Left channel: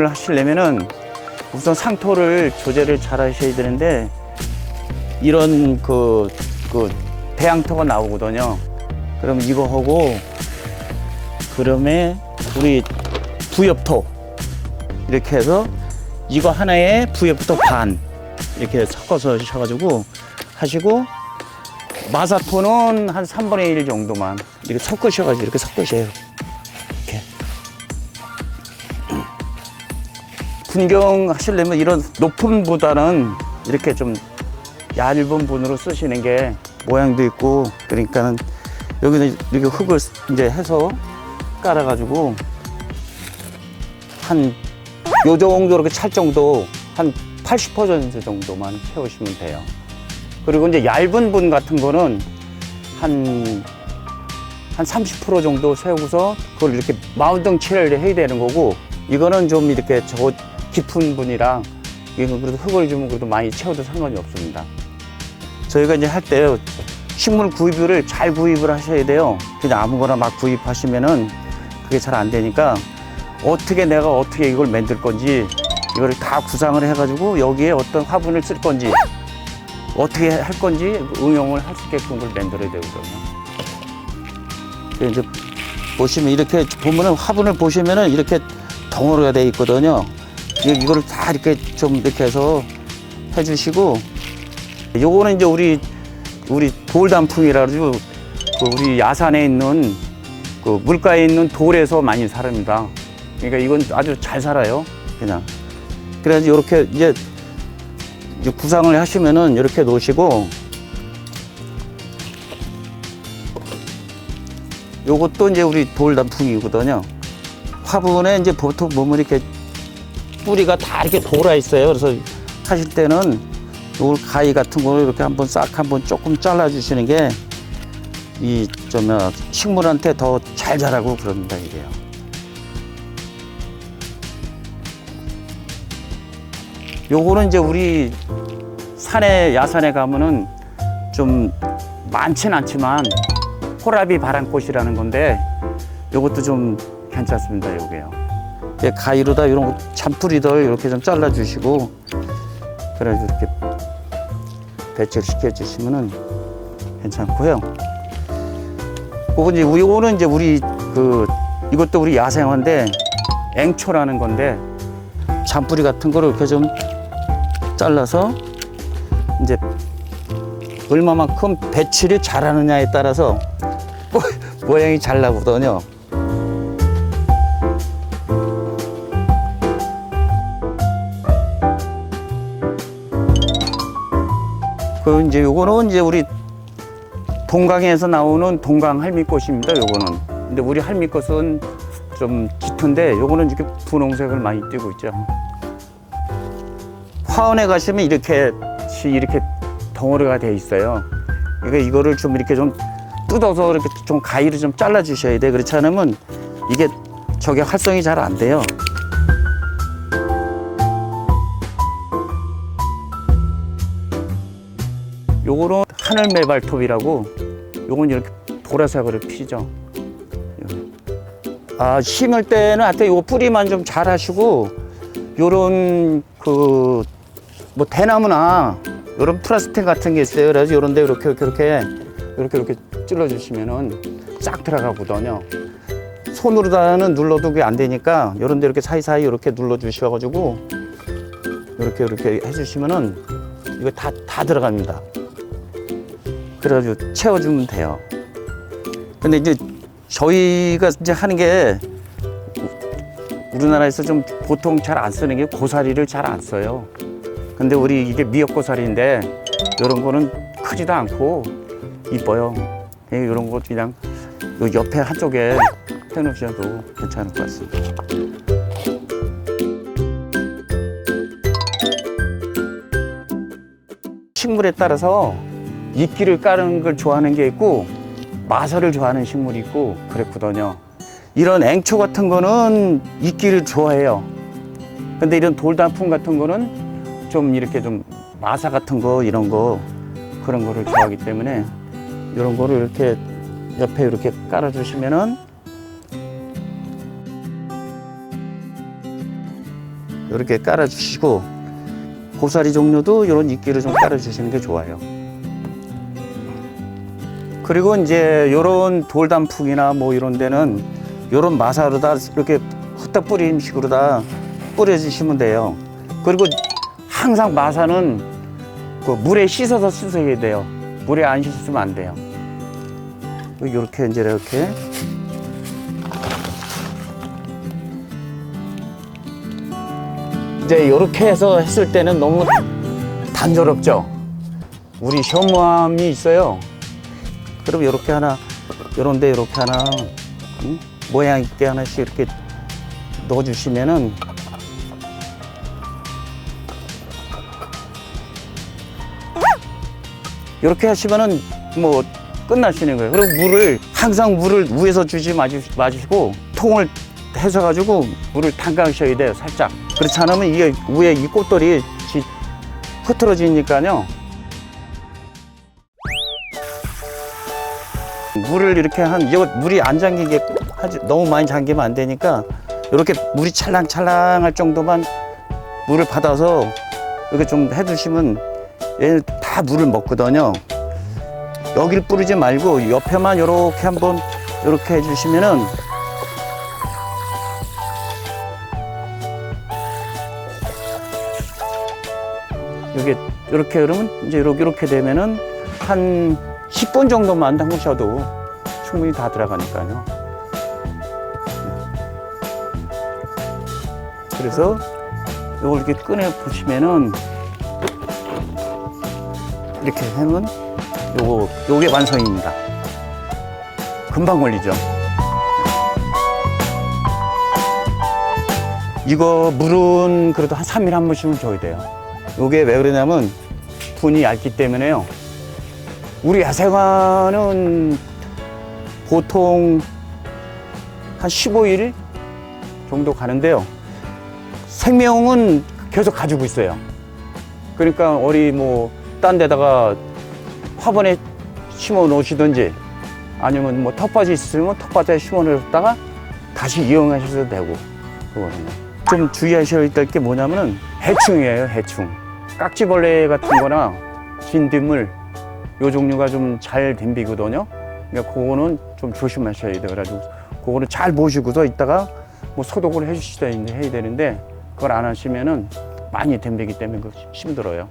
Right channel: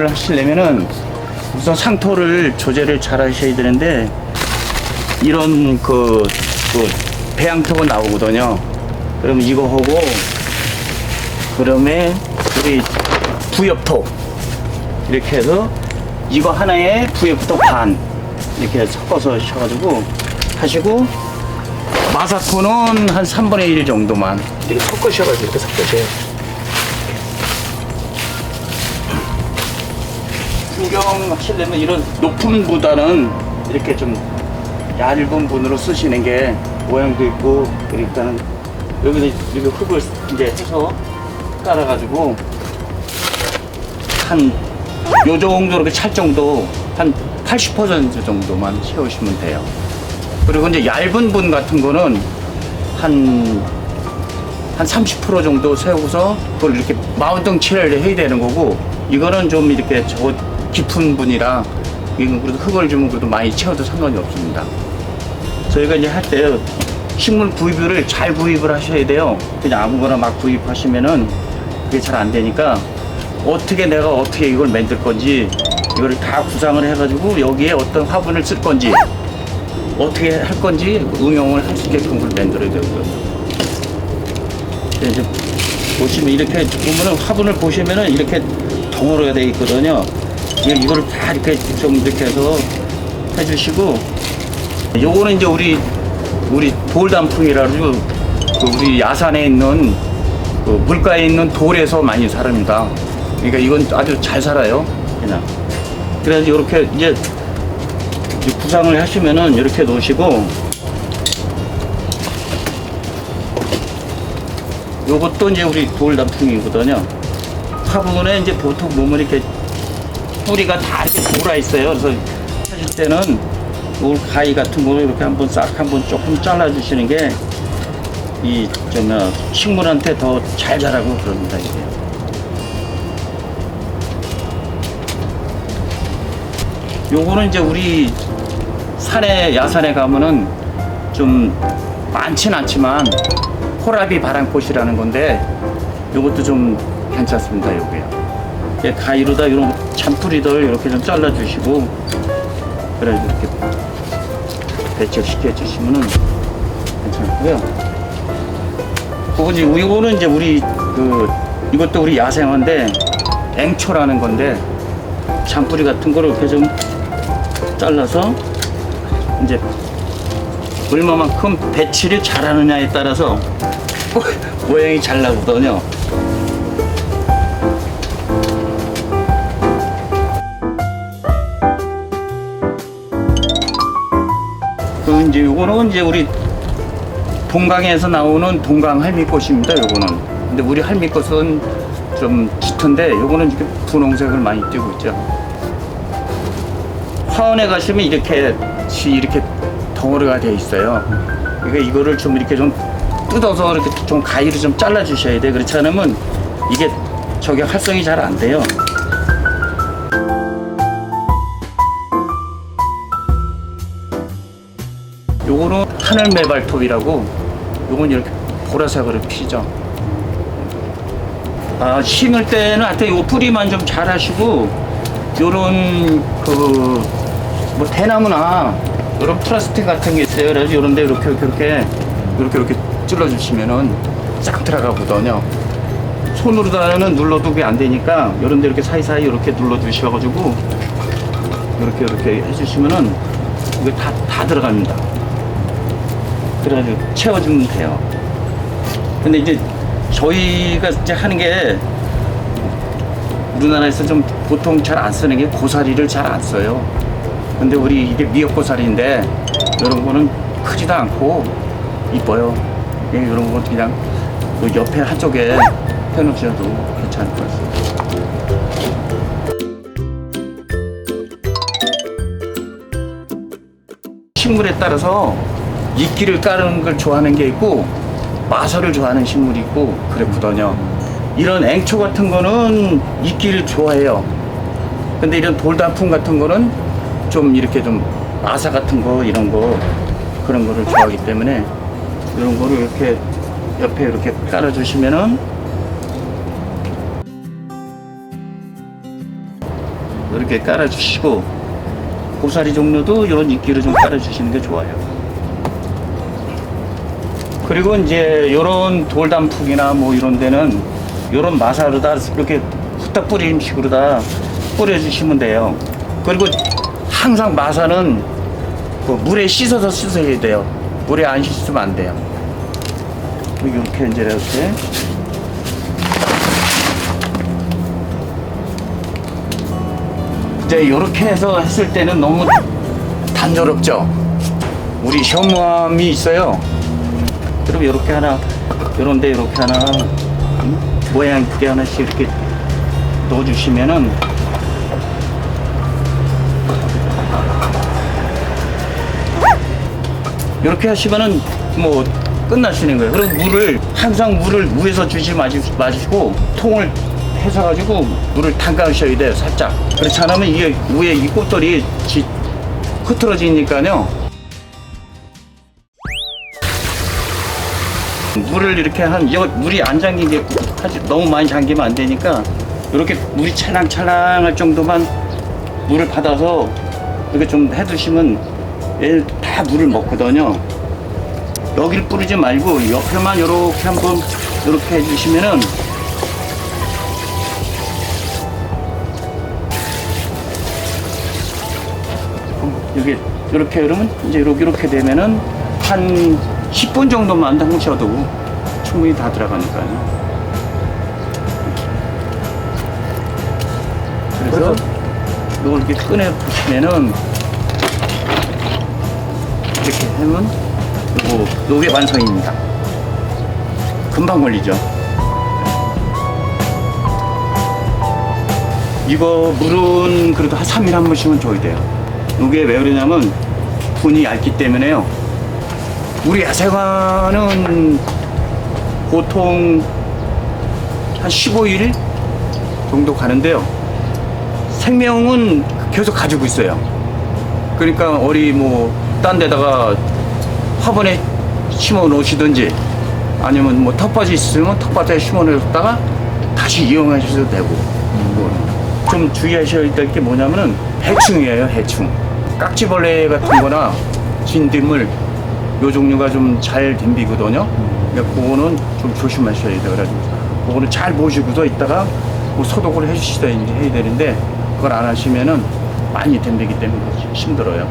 하시려면은 우선 상토를 조제를 잘 하셔야 되는데 이런 그, 그 배양토가 나오거든요. 그럼 이거 하고 그다음에 우리 부엽토 이렇게 해서 이거 하나에 부엽토 반 이렇게 섞어서 하셔가지고 하시고 마사토는 한 3분의 1 정도만 이렇게 섞으셔가지고 이렇게 섞으세요. 풍경 하시려면 이런 높은 보다는 이렇게 좀 얇은 분으로 쓰시는 게 모양도 있고 그러니까 여기다 이렇게 흙을 이제 해서 깔아가지고 한 요 정도 이렇게 찰 정도 한 80% 정도만 채우시면 돼요. 그리고 이제 얇은 분 같은 거는 한, 한 30% 정도 세우고서 그걸 이렇게 마운딩 칠을 해야 되는 거고, 이거는 좀 이렇게 저 깊은 분이라, 흙을 좀 그래도 많이 채워도 상관이 없습니다. 저희가 이제 할 때 식물 구입을 잘 구입을 하셔야 돼요. 그냥 아무거나 막 구입하시면은 그게 잘 안 되니까 어떻게 내가 어떻게 이걸 만들 건지 이거를 다 구상을 해가지고 여기에 어떤 화분을 쓸 건지 어떻게 할 건지 응용을 할 수 있게끔 그걸 만들어야 되고요. 이제 보시면 이렇게 보면은 화분을 보시면은 이렇게 덩어리가 되어 있거든요. 이- 이거를 다 이렇게 좀 이렇게 해서 해주시고 요거는 이제 우리 우리 돌단풍이라고 그 우리 야산에 있는 그 물가에 있는 돌에서 많이 살합니다. 그러니까 이건 아주 잘 살아요. 그냥. 그래서 이렇게 이제 이제 구상을 하시면은 이렇게 놓으시고 요것도 이제 우리 돌다풍이거든요. 화분에 이제 보통 보면 이렇게 뿌리가 다 이렇게 돌아 있어요. 그래서 하실 때는 돌 가위 같은 거로 이렇게 한번 싹 한번 조금 잘라 주시는 게 이 정말 식물한테 더 잘 자라고 그럽니다 이게. 요거는 이제 우리 산에 야산에 가면은 좀 많진 않지만 호라비 바람꽃이라는 건데 요것도 좀 괜찮습니다 요게 요. 예, 가위로다 이런 잔뿌리들 이렇게 좀 잘라 주시고 그래 이렇게 배치시켜 주시면은 괜찮고요. 그거 이제 이거는 이제 우리 그 이것도 우리 야생화인데 앵초라는 건데 잔뿌리 같은 거를 이렇게 좀 잘라서 이제 얼마만큼 배치를 잘하느냐에 따라서 모- 모양이 잘 나거든요. 이제 요거는 이제 우리 동강에서 나오는 동강 할미꽃입니다. 요거는. 근데 우리 할미꽃은 좀 짙은데 요거는 이렇게 분홍색을 많이 띄고 있죠. 화원에 가시면 이렇게 지 이렇게 덩어리가 돼 있어요. 그러니까 이거를 좀 이렇게 좀 뜯어서 이렇게 좀 가위로 좀 잘라 주셔야 돼. 그렇지 않으면 이게 저게 활성이 잘 안 돼요. 요거는 하늘 매발톱이라고 요건 이렇게 보라색으로 피죠. 아, 심을 때는 하여튼 요 뿌리만 좀 잘 하시고 요런 그 뭐 대나무나 요런 플라스틱 같은 게 있어요. 그래서 요런 데 이렇게 이렇게 이렇게 이렇게 이렇게 찔러 주시면은 싹 들어가거든요. 손으로다는 눌러도 그게 안 되니까 요런 데 이렇게 사이사이 이렇게 눌러 주셔 가지고 이렇게 이렇게 해 주시면은 이게 다, 다 들어갑니다. 그래가지고 채워주면 돼요. 근데 이제 저희가 이제 하는 게 우리나라에서 좀 보통 잘 안 쓰는 게 고사리를 잘 안 써요. 근데 우리 이게 미역고사리인데 이런 거는 크지도 않고 이뻐요. 이- 이런 건 그냥 그 옆에 한쪽에 해놓으셔도 괜찮을 것 같습니다. 식물에 따라서 이끼를 까는 걸 좋아하는 게 있고 마설을 좋아하는 식물이 있고 그랬거든요. 이런 앵초 같은 거는 이끼를 좋아해요. 근데 이런 돌단풍 같은 거는 좀 이렇게 좀 마사 같은 거 이런 거 그런 거를 좋아하기 때문에 이런 거를 이렇게 옆에 이렇게 깔아주시면은 이렇게 깔아주시고 고사리 종류도 이런 이끼로 좀 깔아주시는 게 좋아요. 그리고 이제 이런 돌단풍이나 뭐 이런 데는 이런 마사로다 이렇게 후딱 뿌리는 식으로 다 뿌려주시면 돼요. 그리고 항상 마사는 그 물에 씻어서 씻어야 돼요. 물에 안 씻으면 안 돼요. 이렇게 이제 이렇게 이제 이렇게 해서 했을 때는 너무 단조롭죠. 우리 현무암이 있어요. 그럼 이렇게 하나, 이런데 이렇게 하나 음, 모양 있게 하나씩 이렇게 넣어주시면은 이렇게 하시면은 뭐 끝나시는 거예요. 그럼 물을 항상 물을 물에서 주지 마시- 마시고 통을 해서 가지고 물을 담가셔야 돼요. 살짝. 그렇지 않으면 이게 위에 이 꽃돌이 지- 흐트러지니까요. 물을 이렇게 한 이거 물이 안 잠기게 하지 너무 많이 잠기면 안 되니까 이렇게 물이 찰랑찰랑할 정도만 물을 받아서 이렇게 좀 해두시면 얘는 다 물을 먹거든요. 여기를 뿌리지 말고 옆에만 이렇게 한번 이렇게 해주시면은 이게 이렇게 그러면 이제 이렇게 이렇게 되면은 한 10분 정도만 담으셔도 충분히 다 들어가니까요. 그래서 이걸 이렇게 꺼내 보시면은 이렇게 하면 요거 요게 완성입니다. 금방 걸리죠. 이거 물은 그래도 한 3일 한 번씩은 줘야 돼요. 이게 왜 그러냐면 분이 얇기 때문에요. 우리 야생화는 보통 한 15일 정도 가는데요. 생명은 계속 가지고 있어요. 그러니까 우리 뭐 딴 데다가 화분에 심어 놓으시든지 아니면 뭐 텃밭이 있으면 텃밭에 심어 놓으셨다가 다시 이용하셔도 되고 좀 주의하셔야 될 게 뭐냐면은 해충이에요 해충 깍지벌레 같은 거나 진딧물 요 종류가 좀 잘 덤비거든요. 그러니까 그거는 좀 조심하셔야 돼요. 그래가지고 그거는 잘 보시고서 이따가 그 소독을 해주시다 이제 해야 되는데 그걸 안 하시면은 많이 덤비기 때문에 힘들어요